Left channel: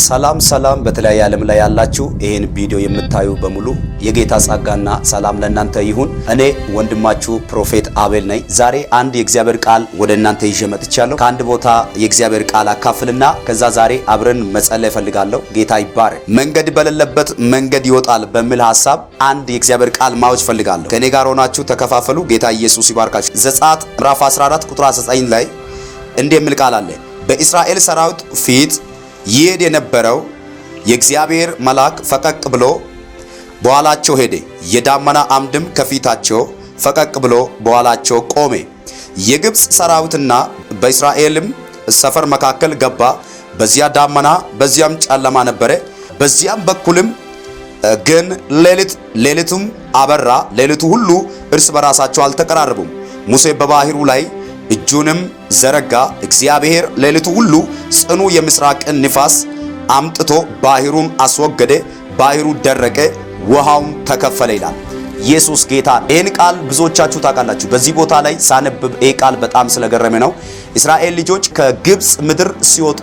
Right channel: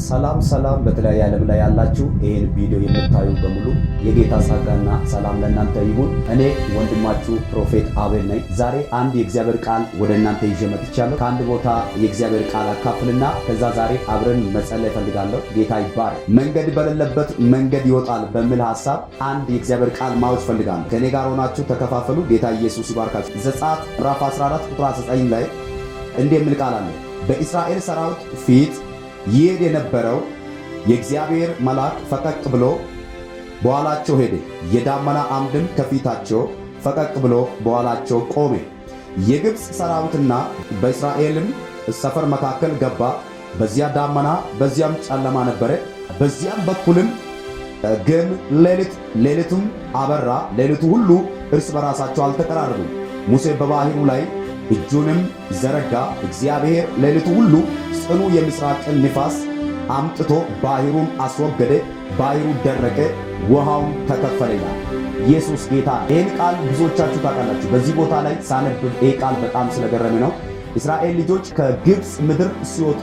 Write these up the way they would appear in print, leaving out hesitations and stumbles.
ሰላም በተለያየ ዓለም ላይ ያላችሁ ይሄን ቪዲዮ የምታዩ በሙሉ የጌታ ጸጋና ሰላም ለእናንተ ይሁን። እኔ ወንድማችሁ ፕሮፌት አቤል ነኝ። ዛሬ አንድ የእግዚአብሔር ቃል ወደ እናንተ ይዤ መጥቻለሁ። ከአንድ ቦታ የእግዚአብሔር ቃል አካፍልና ከዛ ዛሬ አብረን መጸለይ ፈልጋለሁ። ጌታ ይባረክ። መንገድ በሌለበት መንገድ ይወጣል በሚል ሐሳብ አንድ የእግዚአብሔር ቃል ማወጅ ፈልጋለሁ። ከኔ ጋር ሆናችሁ ተከፋፈሉ። ጌታ ኢየሱስ ይባርካችሁ። ዘጸአት ምዕራፍ 14 ቁጥር 19 ላይ እንዲህ የሚል ቃል አለ። በእስራኤል ሰራዊት ፊት ይሄድ የነበረው የእግዚአብሔር መልአክ ፈቀቅ ብሎ በኋላቸው ሄደ፣ የዳመና አምድም ከፊታቸው ፈቀቅ ብሎ በኋላቸው ቆመ። የግብፅ ሰራዊትና በእስራኤልም ሰፈር መካከል ገባ። በዚያ ዳመና በዚያም ጨለማ ነበረ። በዚያም በኩልም ግን ሌሊቱም አበራ። ሌሊቱ ሁሉ እርስ በራሳቸው አልተቀራረቡም። ሙሴ በባህሩ ላይ እጁንም ዘረጋ። እግዚአብሔር ሌሊቱ ሁሉ ጽኑ የምስራቅን ንፋስ አምጥቶ ባህሩን አስወገደ። ባህሩ ደረቀ፣ ውሃውም ተከፈለ ይላል። ኢየሱስ ጌታ ነው። ይህን ቃል ብዙዎቻችሁ ታውቃላችሁ። በዚህ ቦታ ላይ ሳነብብ ይህ ቃል በጣም ስለገረመ ነው። እስራኤል ልጆች ከግብፅ ምድር ሲወጡ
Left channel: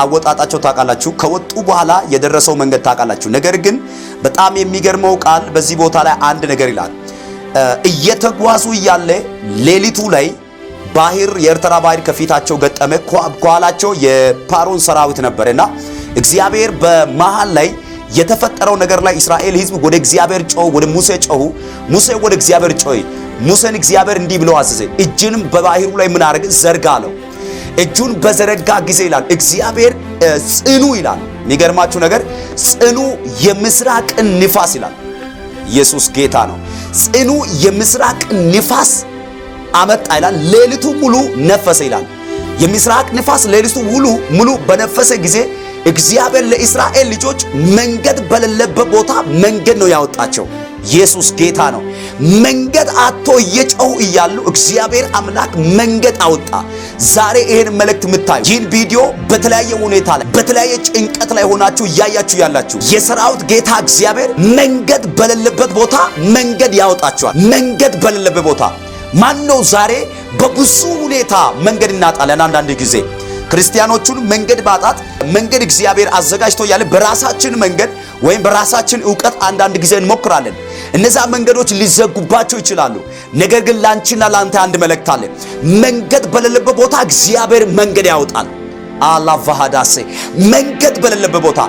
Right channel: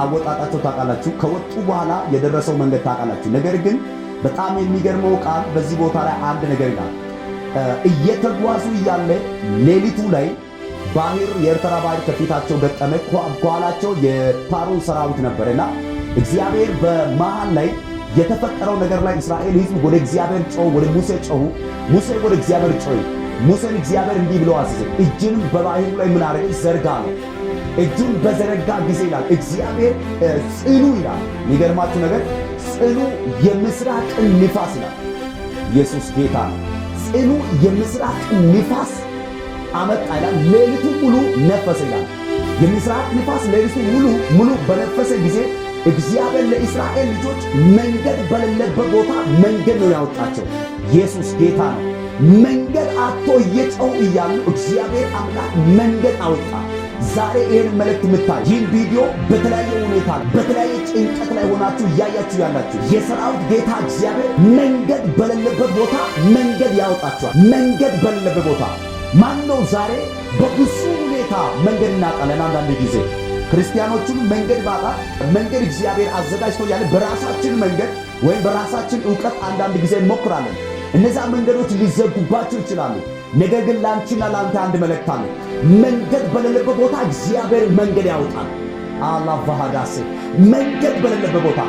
አወጣጣቸው ታውቃላችሁ። ከወጡ በኋላ የደረሰው መንገድ ታውቃላችሁ። ነገር ግን በጣም የሚገርመው ቃል በዚህ ቦታ ላይ አንድ ነገር ይላል። እየተጓዙ እያለ ሌሊቱ ላይ ባህር የኤርትራ ባህር ከፊታቸው ገጠመ። ከኋላቸው የፓሮን ሰራዊት ነበርና እግዚአብሔር በመሃል ላይ የተፈጠረው ነገር ላይ እስራኤል ሕዝብ ወደ እግዚአብሔር ጮሁ፣ ወደ ሙሴ ጮሁ። ሙሴ ወደ እግዚአብሔር ጮኸ። ሙሴን እግዚአብሔር እንዲህ ብሎ አዘዘ። እጅንም በባህሩ ላይ ምን አደረገ? ዘርጋ ነው። እጁን በዘረጋ ጊዜ ይላል እግዚአብሔር ጽኑ ይላል። የሚገርማችሁ ነገር ጽኑ የምስራቅ ንፋስ ይላል። ኢየሱስ ጌታ ነው። ጽኑ የምስራቅ ንፋስ አመጣ ይላል። ሌሊቱ ሙሉ ነፈሰ ይላል። የምስራቅ ንፋስ ሌሊቱ ሙሉ በነፈሰ ጊዜ እግዚአብሔር ለእስራኤል ልጆች መንገድ በሌለበት ቦታ መንገድ ነው ያወጣቸው። ኢየሱስ ጌታ ነው። መንገድ አጥቶ እየጮሁ እያሉ እግዚአብሔር አምላክ መንገድ አወጣ። ዛሬ ይሄን መልእክት የምታዩ ይህን ቪዲዮ በተለያየ ሁኔታ ላይ በተለያየ ጭንቀት ላይ ሆናችሁ እያያችሁ ያላችሁ የሰራዊት ጌታ እግዚአብሔር መንገድ በሌለበት ቦታ መንገድ ያወጣችኋል። መንገድ በሌለበት ቦታ ማነው ዛሬ በብዙ ሁኔታ መንገድ እናጣለን። አንዳንድ ጊዜ ክርስቲያኖቹን መንገድ ባጣት መንገድ እግዚአብሔር አዘጋጅቶ ያለ በራሳችን መንገድ ወይም በራሳችን ዕውቀት አንዳንድ ጊዜ እንሞክራለን። እነዛ መንገዶች ሊዘጉባቸው ይችላሉ። ነገር ግን ላንቺና ላንተ አንድ መልእክት አለ። መንገድ በሌለበት ቦታ እግዚአብሔር መንገድ ያወጣል። አላቫሃዳሴ መንገድ በሌለበት ቦታ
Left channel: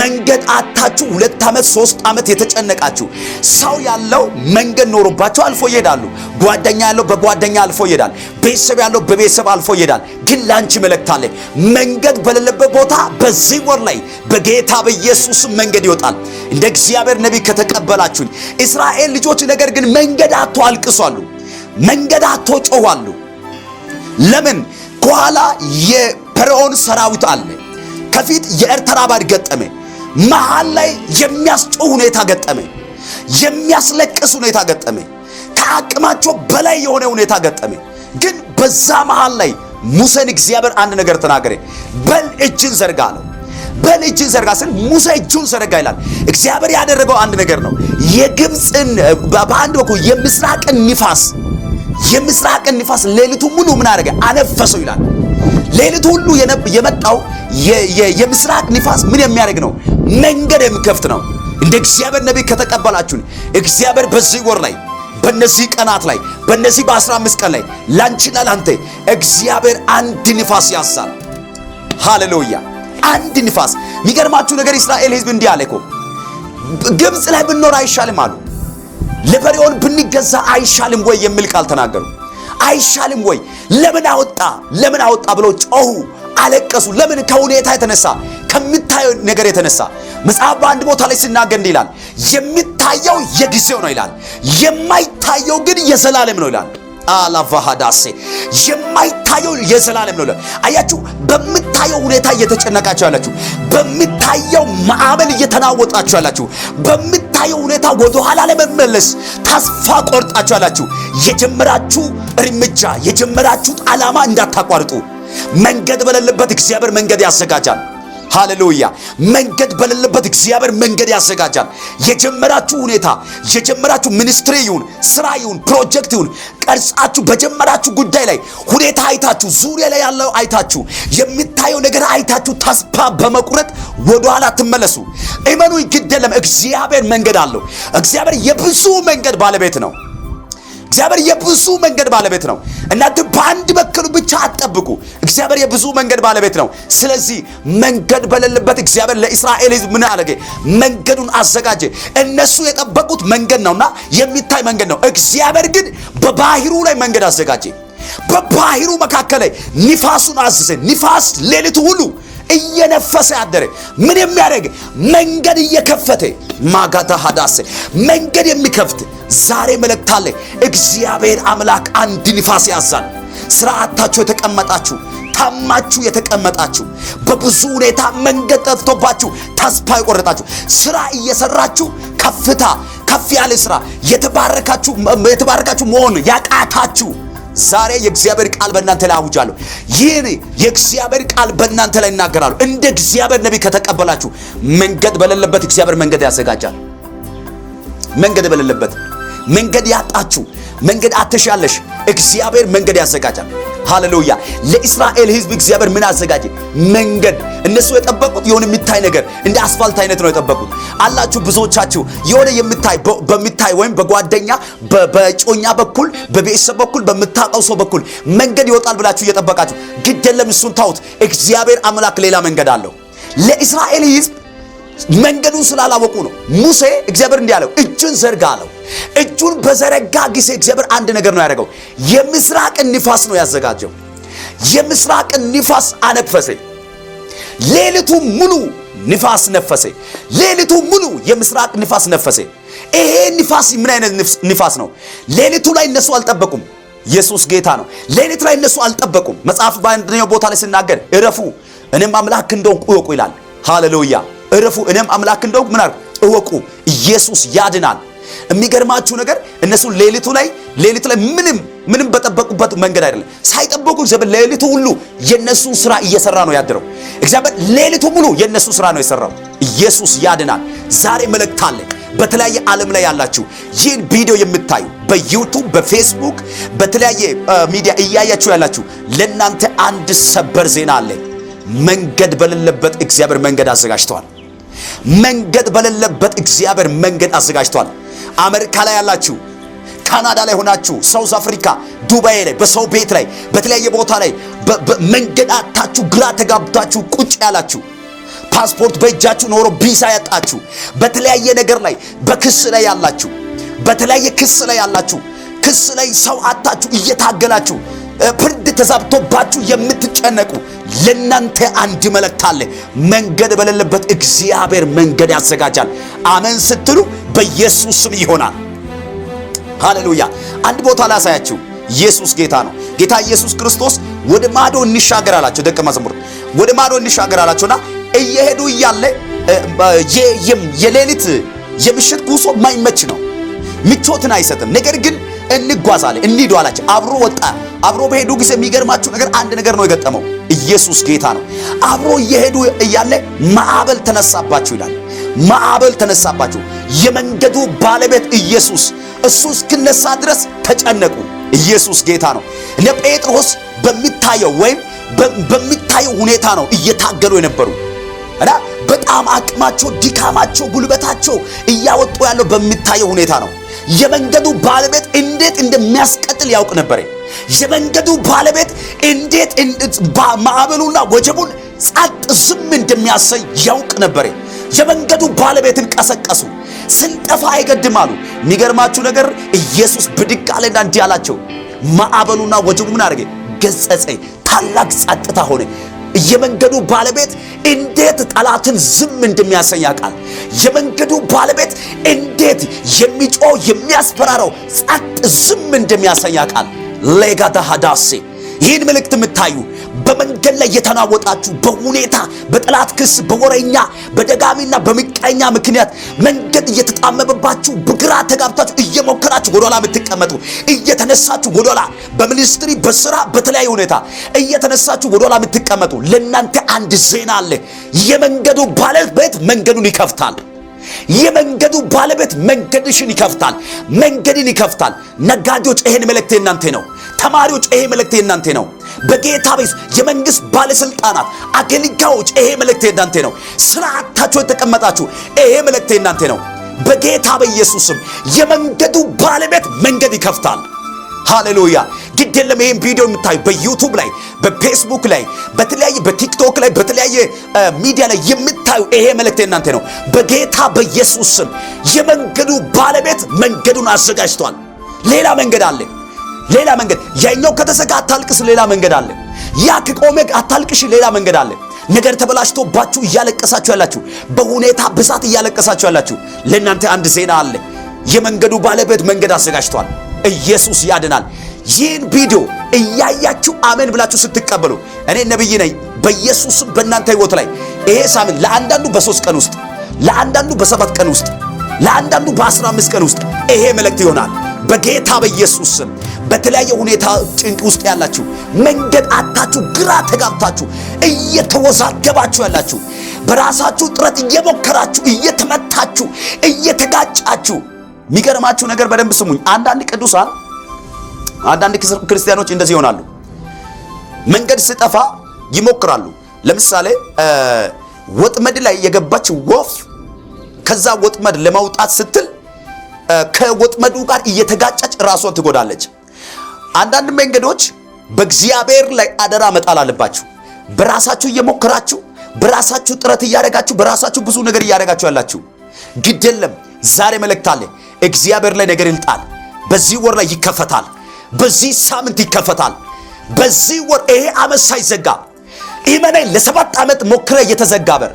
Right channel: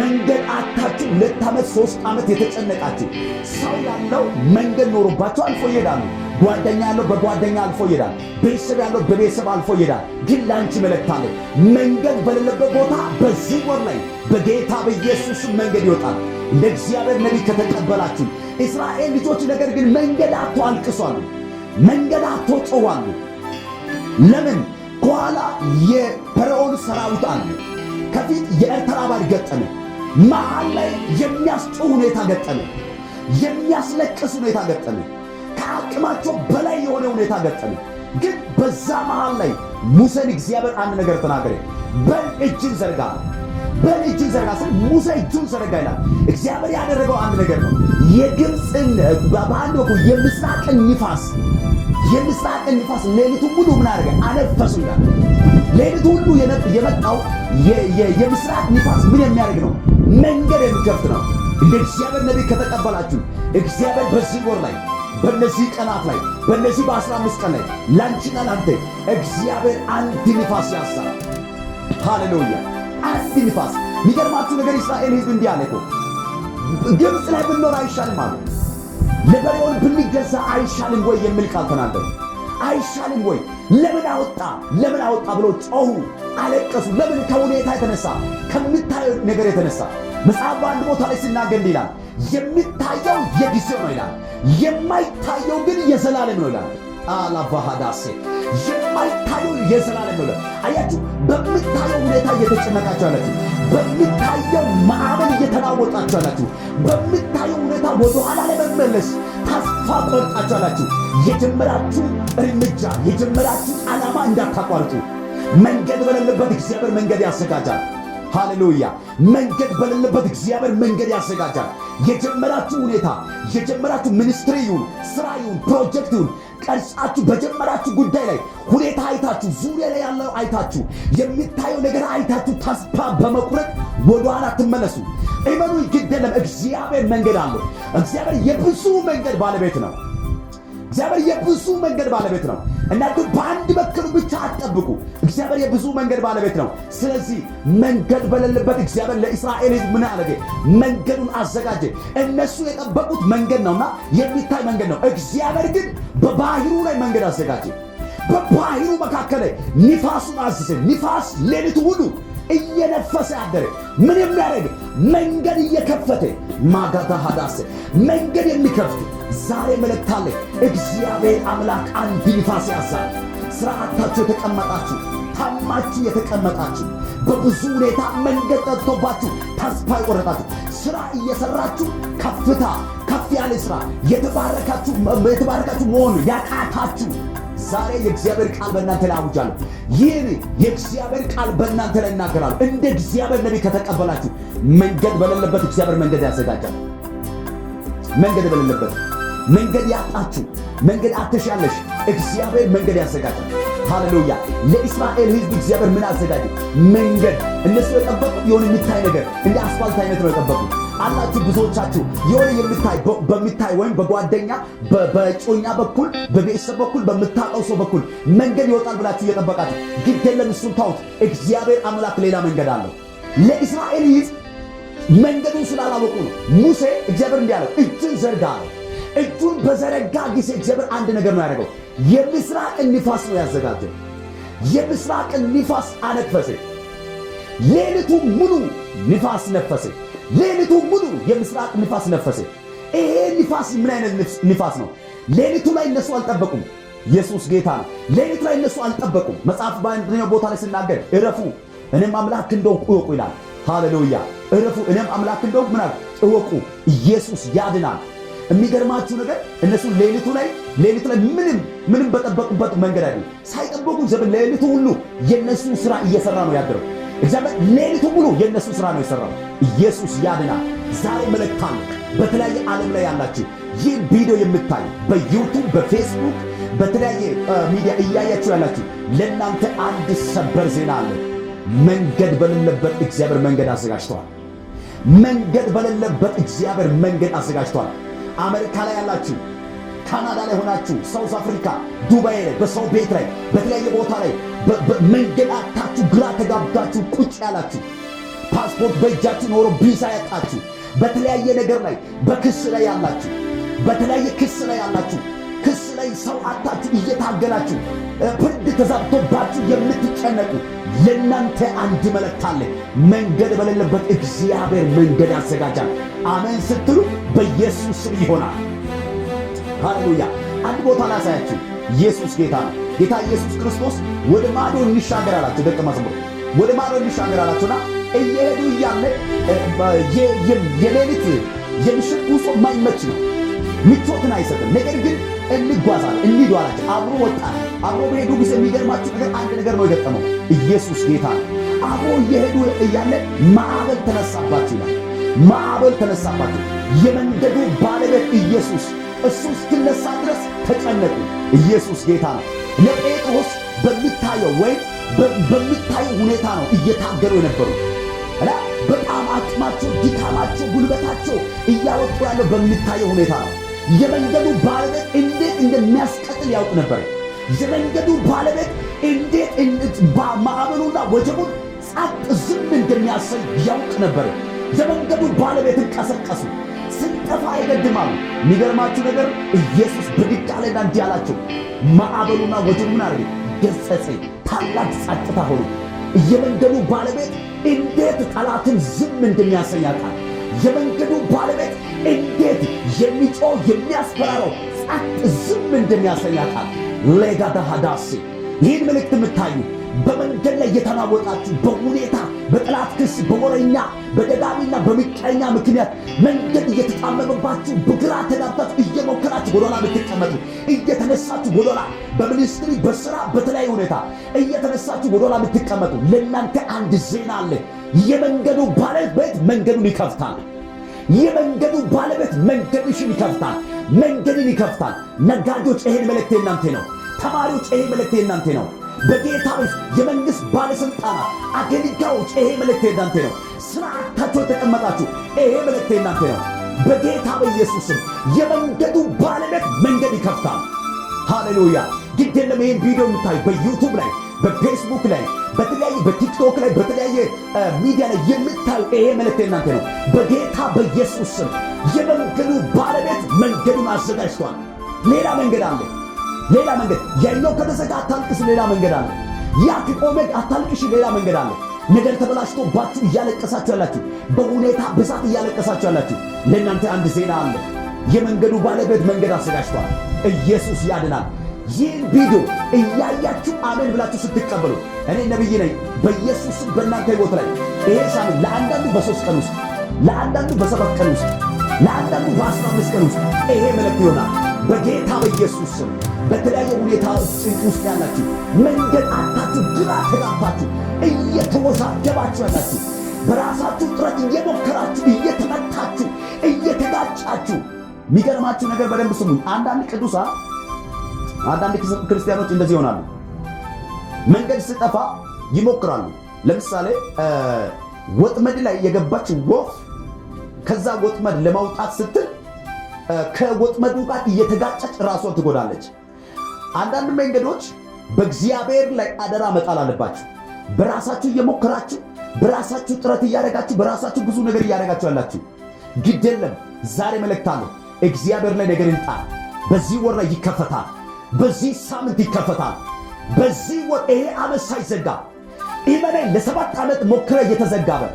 መንገድ አታችሁ 2 ዓመት 3 ዓመት የተጨነቃችሁ ሰው ያለው መንገድ ኖሮባቸው አልፎ ይሄዳሉ። ጓደኛ ያለው በጓደኛ አልፎ ይሄዳል። ቤተሰብ ያለው በቤተሰብ አልፎ ይሄዳል። ግን ላንቺ መልእክት አለ። መንገድ በሌለበት ቦታ በዚህ ወር ላይ በጌታ በኢየሱስ መንገድ ይወጣል። እንደ እግዚአብሔር ነቢይ ከተቀበላችሁኝ እስራኤል ልጆች ነገር ግን መንገድ አጥቶ አልቅሷሉ። መንገድ አጥቶ ጮዋሉ። ለምን? ከኋላ የፈርዖን ሰራዊት አለ። ከፊት የኤርትራ ባህር ገጠመ። መሃል ላይ የሚያስጮህ ሁኔታ ገጠመ። የሚያስለቅስ ሁኔታ ገጠመ። ከአቅማቸው በላይ የሆነ ሁኔታ ገጠመ። ግን በዛ መሃል ላይ ሙሴን እግዚአብሔር አንድ ነገር ተናገረ። በል እጅን ዘርጋ ነው። በል እጅን ዘርጋ ስል ሙሴ እጁን ዘረጋ ይላል። እግዚአብሔር ያደረገው አንድ ነገር ነው። የግብፅን በአንድ በኩል የምስራቅን ንፋስ ሌሊቱ ሙሉ ምን አደረገ? አነፈሰው ይላል። ሌሊቱ ሁሉ የመጣው የምስራቅ ንፋስ ምን የሚያደርግ ነው? መንገድ የሚከፍት ነው። እንደ እግዚአብሔር ነቢይ ከተቀበላችሁን እግዚአብሔር በዚህ ወር ላይ በእነዚህ ቀናት ላይ በእነዚህ በ15 ቀን ላይ ላንቺና ላንተ እግዚአብሔር አንድ ንፋስ ያዛል። ሃሌሉያ! አንድ ንፋስ። የሚገርማችሁ ነገር እስራኤል ሕዝብ እንዲህ አለ እኮ ግብፅ ላይ ብንኖር አይሻልም አሉ። ለፈርዖን ብንገዛ አይሻልም ወይ የሚል ቃል ተናገሩ። አይሻልም ወይ? ለምን አወጣ ብሎ ጮሁ፣ አለቀሱ። ለምን? ከሁኔታ የተነሳ ከምታየው ነገር የተነሳ መጽሐፍ በአንድ ቦታ ላይ ሲናገር እንዲህ ይላል፣ የሚታየው የጊዜው ነው ይላል፣ የማይታየው ግን የዘላለም ነው ይላል። አላቫሃዳሴ የማይታየው የዘላለም ነው። አያችሁ፣ በምታየው ሁኔታ እየተጨነቃችሁ ያላችሁ፣ በምታየው ማዕበል እየተናወጣችሁ ያላችሁ፣ በምታየው ሁኔታ ወደ ኋላ ለመመለስ ተስፋ ቆርጣችሁ ያላችሁ፣ የጀመራችሁ እርምጃ የጀመራችሁት ዓላማ እንዳታቋርጡ። መንገድ በሌለበት እግዚአብሔር መንገድ ያዘጋጃል። ሃሌሉያ። መንገድ በሌለበት እግዚአብሔር መንገድ ያዘጋጃል። የጀመራችሁ ሁኔታ፣ የጀመራችሁ ሚኒስትሪ ይሁን፣ ስራ ይሁን፣ ፕሮጀክት ይሁን፣ ቀርጻችሁ በጀመራችሁ ጉዳይ ላይ ሁኔታ አይታችሁ፣ ዙሪያ ላይ ያለው አይታችሁ፣ የሚታየው ነገር አይታችሁ ተስፋ በመቁረጥ ወደኋላ ትመለሱ። እመኑ፣ ግድ የለም፣ እግዚአብሔር መንገድ አለው። እግዚአብሔር የብዙ መንገድ ባለቤት ነው። እግዚአብሔር የብዙ መንገድ ባለቤት ነው። እናንተ በአንድ በኩል ብቻ አትጠብቁ። እግዚአብሔር የብዙ መንገድ ባለቤት ነው። ስለዚህ መንገድ በሌለበት እግዚአብሔር ለእስራኤል ሕዝብ ምን አደረገ? መንገዱን አዘጋጀ። እነሱ የጠበቁት መንገድ ነውና የሚታይ መንገድ ነው። እግዚአብሔር ግን በባህሩ ላይ መንገድ አዘጋጀ። በባህሩ መካከል ላይ ንፋሱን አዘዘ። ንፋስ ሌሊቱ ሁሉ እየነፈሰ ያደረ ምን የሚያደርግ? መንገድ እየከፈተ ማጋታ ሐዳሴ መንገድ የሚከፍት ዛሬ መልእክት አለ። እግዚአብሔር አምላክ አንድ ንፋስ ያዛል። ስርዓታችሁ የተቀመጣችሁ፣ ታማችሁ የተቀመጣችሁ፣ በብዙ ሁኔታ መንገድ ጠፍቶባችሁ ተስፋ የቆረጣችሁ፣ ስራ እየሰራችሁ ከፍታ ከፍ ያለ ስራ የተባረካችሁ መሆን ያቃታችሁ፣ ዛሬ የእግዚአብሔር ቃል በእናንተ ላይ አውጃለሁ። ይህን የእግዚአብሔር ቃል በእናንተ ላይ እናገራሉ። እንደ እግዚአብሔር ነቢይ ከተቀበላችሁ መንገድ በሌለበት እግዚአብሔር መንገድ ያዘጋጃል። መንገድ በሌለበት መንገድ ያጣችሁ፣ መንገድ አትሻለሽ፣ እግዚአብሔር መንገድ ያዘጋጃል። ሃሌሉያ። ለእስራኤል ሕዝብ እግዚአብሔር ምን አዘጋጀ? መንገድ። እነሱ የጠበቁት የሆነ የሚታይ ነገር እንደ አስፋልት አይነት ነው የጠበቁት አላችሁ። ብዙዎቻችሁ የሆነ በሚታይ ወይም በጓደኛ በጮኛ በኩል በቤተሰብ በኩል በምታውቀው ሰው በኩል መንገድ ይወጣል ብላችሁ እየጠበቃችሁ፣ ግድ የለም፣ እሱን ታውት። እግዚአብሔር አምላክ ሌላ መንገድ አለው። ለእስራኤል ሕዝብ መንገዱን ስላላወቁ ነው። ሙሴ እግዚአብሔር እንዲህ አለው፣ እጁን ዘርጋ አለው። እጁን በዘረጋ ጊዜ እግዚአብሔር አንድ ነገር ነው ያደረገው። የምስራቅን ንፋስ ነው ያዘጋጀው። የምስራቅን ንፋስ አነፈሰ። ሌሊቱ ሙሉ ንፋስ ነፈሰ። ሌሊቱ ሙሉ የምስራቅ ንፋስ ነፈሰ። ይሄ ንፋስ ምን አይነት ንፋስ ነው? ሌሊቱ ላይ እነሱ አልጠበቁም። ኢየሱስ ጌታ ነው። ሌሊቱ ላይ እነሱ አልጠበቁም። መጽሐፍ በአንደኛው ቦታ ላይ ሲናገር እረፉ እኔም አምላክ እንደሆንኩ እወቁ ይላል። ሃሌሉያ። እረፉ እኔም አምላክ እንደሆንኩ ምን አድርጉ? እወቁ። ኢየሱስ ያድናል። የሚገርማችሁ ነገር እነሱ ሌሊቱ ላይ ምንም በጠበቁበት መንገድ አይደለም። ሳይጠበቁ እግዚአብሔር ሌሊቱ ሁሉ የነሱ ስራ እየሰራ ነው ያድረው። እግዚአብሔር ሌሊቱ ሙሉ የነሱ ስራ ነው የሰራው። ኢየሱስ ያድናል። ዛሬ መልእክት አለ። በተለያየ ዓለም ላይ ያላችሁ ይህን ቪዲዮ የምታዩ በዩቲዩብ፣ በፌስቡክ፣ በተለያየ ሚዲያ እያያችሁ ያላችሁ ለእናንተ አንድ ሰበር ዜና አለ። መንገድ በሌለበት እግዚአብሔር መንገድ አዘጋጅቷል። መንገድ በሌለበት እግዚአብሔር መንገድ አዘጋጅቷል። አሜሪካ ላይ ያላችሁ፣ ካናዳ ላይ ሆናችሁ፣ ሳውዝ አፍሪካ፣ ዱባይ ላይ፣ በሰው ቤት ላይ፣ በተለያየ ቦታ ላይ መንገድ አጣችሁ ግራ ተጋብታችሁ ቁጭ ያላችሁ፣ ፓስፖርት በእጃችሁ ኖሮ ቪዛ ያጣችሁ፣ በተለያየ ነገር ላይ በክስ ላይ ያላችሁ፣ በተለያየ ክስ ላይ ያላችሁ፣ ክስ ላይ ሰው አጣችሁ እየታገላችሁ፣ ፍርድ ተዛብቶባችሁ የምትጨነቁ ለእናንተ አንድ መልእክት አለ። መንገድ በሌለበት እግዚአብሔር መንገድ ያዘጋጃል። አሜን ስትሉ በኢየሱስ ስም ይሆናል። ሃሌሉያ። አንድ ቦታ ላሳያችሁ። ኢየሱስ ጌታ ነው። ጌታ ኢየሱስ ክርስቶስ ወደ ማዶ እንሻገር አላቸው። ደቀ መዝሙር ወደ ማዶ እንሻገር አላቸውና እየሄዱ እያለ የሌሊት የምሽት ጉዞ ማይመች ነው፣ ምቾትን አይሰጥም። ነገር ግን እንጓዛለን እንሂዱ አላቸው። አብሮ ወጣ። አብሮ በሄዱ ጊዜ የሚገርማችሁ ነገር አንድ ነገር ነው የገጠመው። ኢየሱስ ጌታ ነው። አብሮ እየሄዱ እያለ ማዕበል ተነሳባችሁ ይላል። ማዕበል ተነሳባችሁ። የመንገዱ ባለቤት ኢየሱስ እሱ እስኪነሳ ድረስ ተጨነቁ። ኢየሱስ ጌታ ነው። እነ ጴጥሮስ በሚታየው ወይም በሚታየው ሁኔታ ነው እየታገሉ የነበሩ እና በጣም አቅማቸው፣ ድካማቸው፣ ጉልበታቸው እያወጡ ያለው በሚታየው ሁኔታ ነው። የመንገዱ ባለቤት እንዴት እንደሚያስቀጥል ያውቅ ነበር። የመንገዱ ባለቤት እንዴት ማዕበሉና ወጀቡን ጸጥ ዝም እንደሚያሰኝ ያውቅ ነበር። የመንገዱ ባለቤትን ቀሰቀሱ። ስንጠፋ አይገድማሉ። የሚገርማችሁ ነገር ኢየሱስ ብድግ አለና እንዲህ አላቸው። ማዕበሉና ወጀቡ ምን አደረገ? ገሰጸኝ። ታላቅ ጸጥታ ሆነ። የመንገዱ ባለቤት እንዴት ጠላትን ዝም እንደሚያሰኝ ያውቃል። የመንገዱ ባለቤት እንዴት የሚጮህ የሚያስፈራራው ጸጥ ዝም እንደሚያሰኝ ያውቃል። ሌጋዳ ሐዳሴ ይህን መልእክት የምታዩ በመንገድ ላይ የተናወጣችሁ በሁኔታ በጠላት ክስ በወረኛ በደጋሚና በምቀኛ ምክንያት መንገድ እየተጣመመባችሁ በግራ ተጋብታችሁ እየሞከራችሁ ወደኋላ የምትቀመጡ እየተነሳችሁ ወደኋላ በሚኒስትሪ በስራ በተለያየ ሁኔታ እየተነሳችሁ ወደኋላ የምትቀመጡ ለእናንተ አንድ ዜና አለ። የመንገዱ ባለቤት መንገዱን ይከፍታል። የመንገዱ ባለቤት መንገድሽን ይከፍታል። መንገድን ይከፍታል። ነጋዴዎች ይሄን መልእክት እናንተ ነው። ተማሪዎች ይሄ መልእክት እናንተ ነው። በጌታ ቤት የመንግስት ባለስልጣናት አገልጋዮች ይሄ መልእክት እናንተ ነው። ስራ አጥታችሁ የተቀመጣችሁ ይሄ መልእክት እናንተ ነው። በጌታ በኢየሱስም የመንገዱ ባለቤት መንገድ ይከፍታል። ሃሌሉያ። ግድ የለም ይሄን ቪዲዮ የምታዩ በዩቲዩብ ላይ በፌስቡክ ላይ በተለያየ በቲክቶክ ላይ በተለያየ ሚዲያ ላይ የምታዩ ይሄ መልእክት እናንተ ነው። በጌታ በኢየሱስም የመንገዱ ባለቤት መንገዱን አዘጋጅቷል። ሌላ መንገድ አለ። ሌላ መንገድ ያኛው ከተዘጋ አታልቅስ፣ ሌላ መንገድ አለ። ያ ከቆመ አታልቅሽ፣ ሌላ መንገድ አለ። ነገር ተበላሽቶባችሁ እያለቀሳችሁ ያላችሁ፣ በሁኔታ ብዛት እያለቀሳችሁ ያላችሁ ለእናንተ አንድ ዜና አለ። የመንገዱ ባለቤት መንገድ አዘጋጅቷል። ኢየሱስ ያድናል። ይህን ቪዲዮ እያያችሁ አሜን ብላችሁ ስትቀበሉ እኔ ነብይ ነኝ በኢየሱስም በእናንተ ሕይወት ላይ ይሄ ሳምንት ለአንዳንዱ በ3 ቀን ውስጥ፣ ለአንዳንዱ በ7 ቀን ውስጥ፣ ለአንዳንዱ በ15 ቀን ውስጥ ይሄ መልእክት ይሆናል። በጌታ በኢየሱስ ስም በተለያየ ሁኔታ ጭንቅ ውስጥ ያላችሁ፣ መንገድ አጣችሁ፣ ግራ ተጋብታችሁ እየተወዛገባችሁ ያላችሁ፣ በራሳችሁ ጥረት እየሞከራችሁ እየተመታችሁ እየተጋጫችሁ፣ የሚገርማችሁ ነገር በደንብ ስሙኝ። አንዳንድ ቅዱሳን አንዳንድ ክርስቲያኖች እንደዚህ ይሆናሉ። መንገድ ሲጠፋ ይሞክራሉ። ለምሳሌ ወጥመድ ላይ የገባች ወፍ ከዛ ወጥመድ ለማውጣት ስትል ከወጥመዱ ጋር እየተጋጨች ራሷን ትጎዳለች። አንዳንድ መንገዶች በእግዚአብሔር ላይ አደራ መጣል አለባችሁ። በራሳችሁ እየሞከራችሁ በራሳችሁ ጥረት እያደረጋችሁ በራሳችሁ ብዙ ነገር እያደረጋችሁ ያላችሁ ግድ የለም። ዛሬ መልእክት አለ። እግዚአብሔር ላይ ነገር ይልጣል። በዚህ ወር ላይ ይከፈታል። በዚህ ሳምንት ይከፈታል። በዚህ ወር ይሄ ዓመት ሳይዘጋ ኢመናይ ለ7 ዓመት ሞክረ የተዘጋ በር፣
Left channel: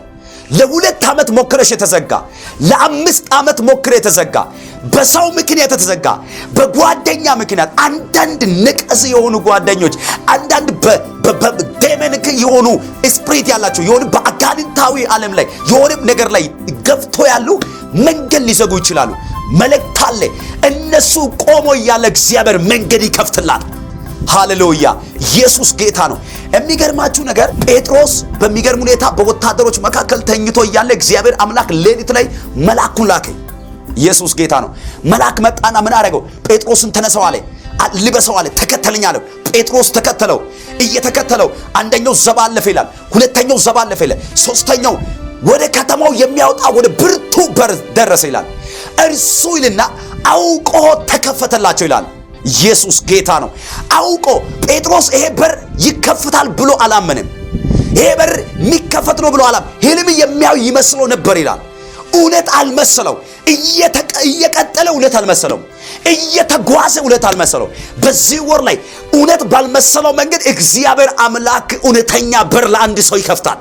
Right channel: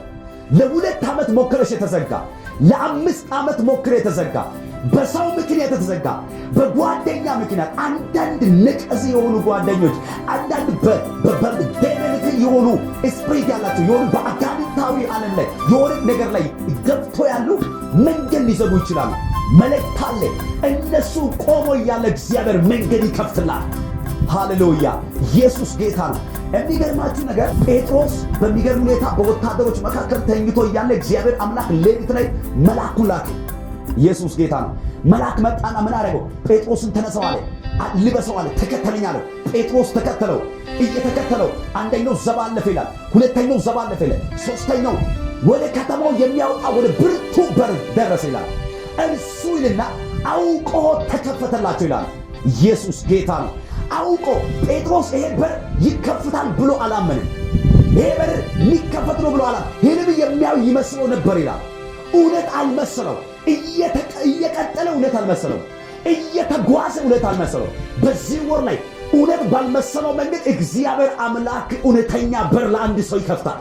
ለ2 ዓመት ሞክረሽ የተዘጋ፣ ለ5 ዓመት ሞክረ የተዘጋ፣ በሰው ምክንያት የተዘጋ፣ በጓደኛ ምክንያት አንዳንድ ነቀዝ የሆኑ ጓደኞች፣ አንዳንድ በዴመንክ የሆኑ ስፕሪት ያላቸው የሆኑ በአጋንንታዊ ዓለም ላይ የሆነ ነገር ላይ ገብቶ ያሉ መንገድ ሊዘጉ ይችላሉ። መልእክት አለ። እነሱ ቆሞ ያለ እግዚአብሔር መንገድ ይከፍትላል። ሃሌሉያ። ኢየሱስ ጌታ ነው። የሚገርማችሁ ነገር ጴጥሮስ በሚገርም ሁኔታ በወታደሮች መካከል ተኝቶ እያለ እግዚአብሔር አምላክ ሌሊት ላይ መልአኩን ላከ። ኢየሱስ ጌታ ነው። መልአክ መጣና ምን አደረገው? ጴጥሮስን ተነሳው አለ፣ ልበሰው አለ፣ ተከተለኝ አለው። ጴጥሮስ ተከተለው። እየተከተለው አንደኛው ዘባለፈ ይላል፣ ሁለተኛው ዘባለፈ ይላል፣ ሶስተኛው ወደ ከተማው የሚያወጣ ወደ ብርቱ በር ደረሰ ይላል። እርሱ ይልና አውቆ ተከፈተላቸው ይላል። ኢየሱስ ጌታ ነው። አውቆ ጴጥሮስ ይሄ በር ይከፈታል ብሎ አላመንም። ይሄ በር የሚከፈት ነው ብሎ አላም ህልም የሚያው ይመስለው ነበር ይላል። እውነት አልመሰለው። እየቀጠለ እውነት አልመሰለው። እየተጓዘ እውነት አልመሰለው። በዚህ ወር ላይ እውነት ባልመሰለው መንገድ እግዚአብሔር አምላክ እውነተኛ በር ለአንድ ሰው ይከፍታል።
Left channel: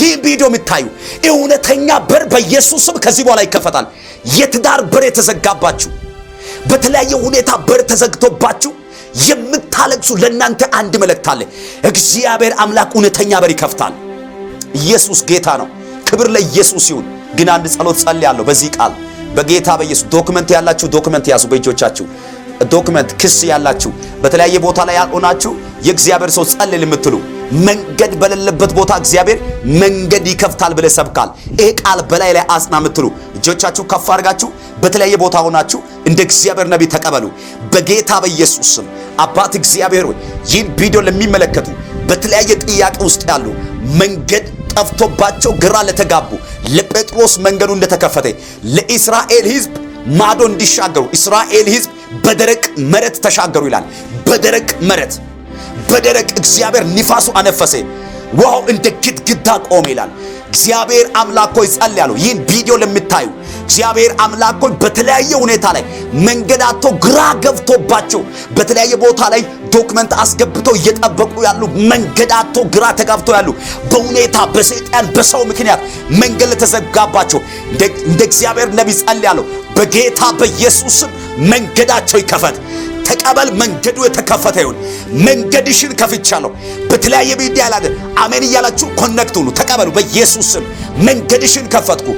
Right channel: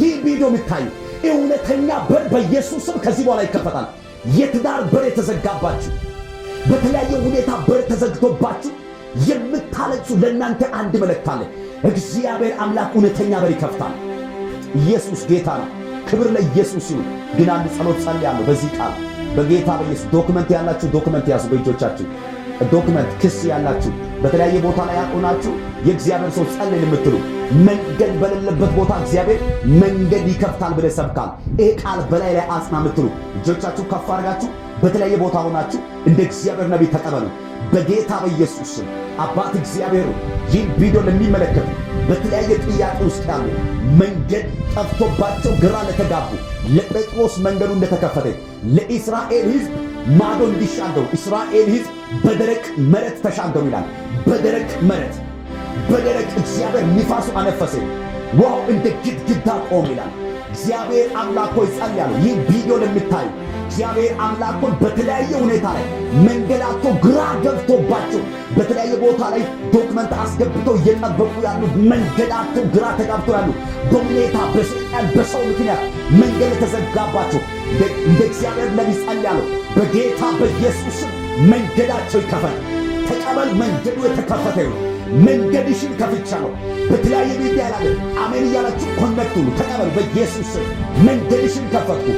ይህ ቪዲዮ የምታዩ እውነተኛ በር በኢየሱስ ስም ከዚህ በኋላ ይከፈታል። የትዳር በር የተዘጋባችሁ፣ በተለያየ ሁኔታ በር ተዘግቶባችሁ የምታለቅሱ ለእናንተ አንድ መልእክት አለ። እግዚአብሔር አምላክ እውነተኛ በር ይከፍታል። ኢየሱስ ጌታ ነው። ክብር ለኢየሱስ ይሁን። ግን አንድ ጸሎት ጸልያለሁ በዚህ ቃል በጌታ በኢየሱስ። ዶክመንት ያላችሁ ዶክመንት ያዙ በእጆቻችሁ። ዶክመንት ክስ ያላችሁ በተለያየ ቦታ ላይ ያልሆናችሁ የእግዚአብሔር ሰው ጸልል የምትሉ መንገድ በሌለበት ቦታ እግዚአብሔር መንገድ ይከፍታል ብለህ ሰብካል። ይሄ ቃል በላይ ላይ አጽና የምትሉ እጆቻችሁ ከፍ አድርጋችሁ በተለያየ ቦታ ሆናችሁ እንደ እግዚአብሔር ነቢይ ተቀበሉ በጌታ በኢየሱስ ስም። አባት እግዚአብሔር ሆይ ይህን ቪዲዮ ለሚመለከቱ በተለያየ ጥያቄ ውስጥ ያሉ መንገድ ጠፍቶባቸው ግራ ለተጋቡ ለጴጥሮስ መንገዱ እንደተከፈተ ለእስራኤል ሕዝብ ማዶ እንዲሻገሩ እስራኤል ሕዝብ በደረቅ መሬት ተሻገሩ ይላል። በደረቅ እግዚአብሔር ንፋሱ አነፈሰ፣ ውሃው እንደ ግድግዳ ቆመ ይላል። እግዚአብሔር አምላክ ሆይ ጸልያለሁ ይህን ቪዲዮ ለምታዩ እግዚአብሔር አምላክ ሆይ በተለያየ ሁኔታ ላይ መንገዳቶ ግራ ገብቶባቸው በተለያየ ቦታ ላይ ዶክመንት አስገብተው እየጠበቁ ያሉ መንገዳቶ ግራ ተጋብተው ያሉ በሁኔታ በሰይጣን በሰው ምክንያት መንገድ ተዘጋባቸው እንደ እግዚአብሔር ነቢይ ጸልያለሁ በጌታ በኢየሱስ መንገዳቸው ይከፈት። ተቀበል። መንገዱ የተከፈተ ይሁን። መንገድሽን ከፍቻለሁ። በተለያየ ሚዲያ ላይ አሜን እያላችሁ ኮኔክት ሁኑ። ተቀበሉ በኢየሱስ ስም። መንገድሽን ከፈትኩ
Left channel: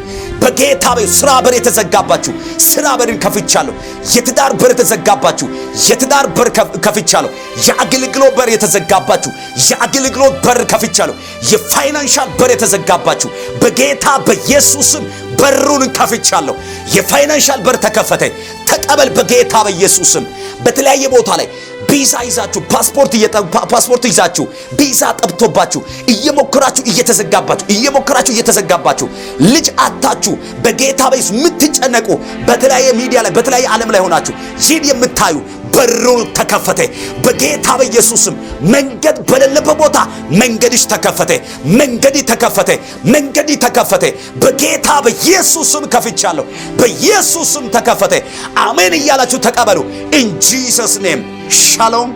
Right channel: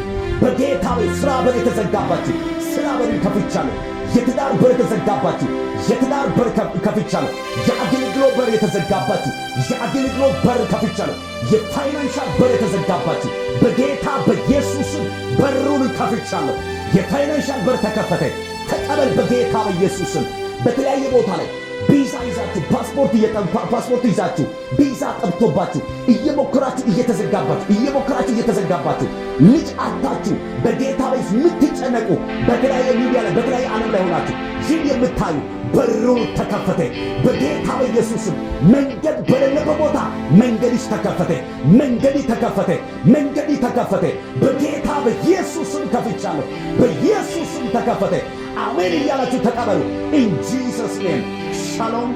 በጌታ ስራ በር የተዘጋባችሁ ስራ በርን ከፍቻለሁ። የትዳር በር የተዘጋባችሁ የትዳር በር ከፍቻለሁ። የአገልግሎት በር የተዘጋባችሁ የአገልግሎት በር ከፍቻለሁ። የፋይናንሻል በር የተዘጋባችሁ በጌታ በኢየሱስም በሩን ከፍቻለሁ። የፋይናንሻል በር ተከፈተ። ተቀበል በጌታ በኢየሱስም። በተለያየ ቦታ ላይ ቪዛ ይዛችሁ ፓስፖርት ይዛችሁ ቪዛ ጠብቶባችሁ እየሞከራችሁ ልጅ አጣችሁ በጌታ በኢየሱስ የምትጨነቁ በተለያየ ሚዲያ ላይ በተለያየ ዓለም ላይ ሆናችሁ ይህን የምታዩ በሩ ተከፈተ በጌታ በኢየሱስም። መንገድ በሌለበት ቦታ መንገድሽ ተከፈተ። መንገድ ተከፈተ በጌታ በኢየሱስም። ከፍቻለሁ በኢየሱስም ተከፈተ። አሜን እያላችሁ ተቀበሉ። ኢን ጂሰስ ኔም ሻሎም።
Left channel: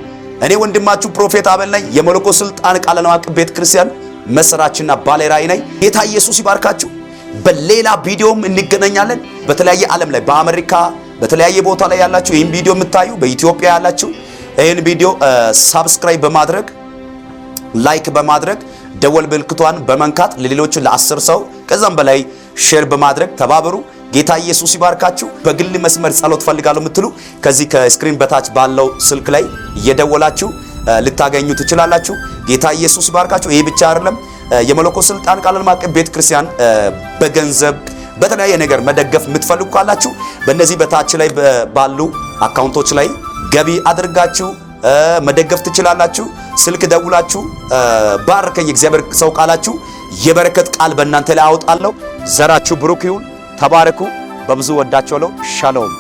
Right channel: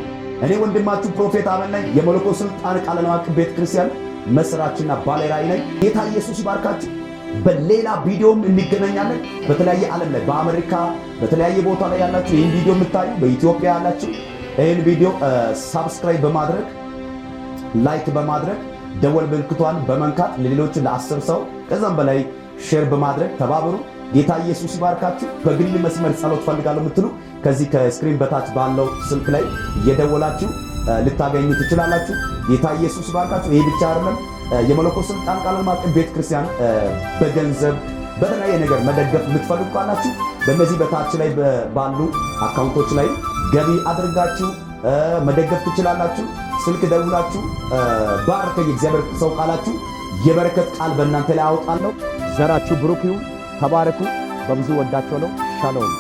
እኔ ወንድማችሁ ፕሮፌት አቤል ነኝ። የመለኮት ስልጣን ቃለ ዓለም ቤተ ክርስቲያን መስራችና ባለራዕይ ነኝ። ጌታ ኢየሱስ ይባርካችሁ። በሌላ ቪዲዮም እንገናኛለን። በተለያየ ዓለም ላይ በአሜሪካ በተለያየ ቦታ ላይ ያላችሁ ይህን ቪዲዮ የምታዩ በኢትዮጵያ ያላችሁ ይህን ቪዲዮ ሳብስክራይብ በማድረግ ላይክ በማድረግ ደወል ምልክቷን በመንካት ለሌሎች ለ10 ሰው ከዛም በላይ ሼር በማድረግ ተባበሩ። ጌታ ኢየሱስ ይባርካችሁ። በግል መስመር ጸሎት ፈልጋለሁ የምትሉ ከዚህ ከስክሪን በታች ባለው ስልክ ላይ እየደወላችሁ ልታገኙ ትችላላችሁ። ጌታ ኢየሱስ ይባርካችሁ። ይሄ ብቻ አይደለም። የመለኮት ስልጣን ቃለ ዓለም ቤተ ክርስቲያን በገንዘብ በተለያየ ነገር መደገፍ የምትፈልጉ ካላችሁ በእነዚህ በታች ላይ ባሉ አካውንቶች ላይ ገቢ አድርጋችሁ መደገፍ ትችላላችሁ። ስልክ ደውላችሁ ባርከኝ እግዚአብሔር ሰው ቃላችሁ የበረከት ቃል በእናንተ ላይ አወጣለሁ። ዘራችሁ ብሩክ ይሁን። ተባረኩ። በብዙ ወዳችኋለሁ። ሻሎም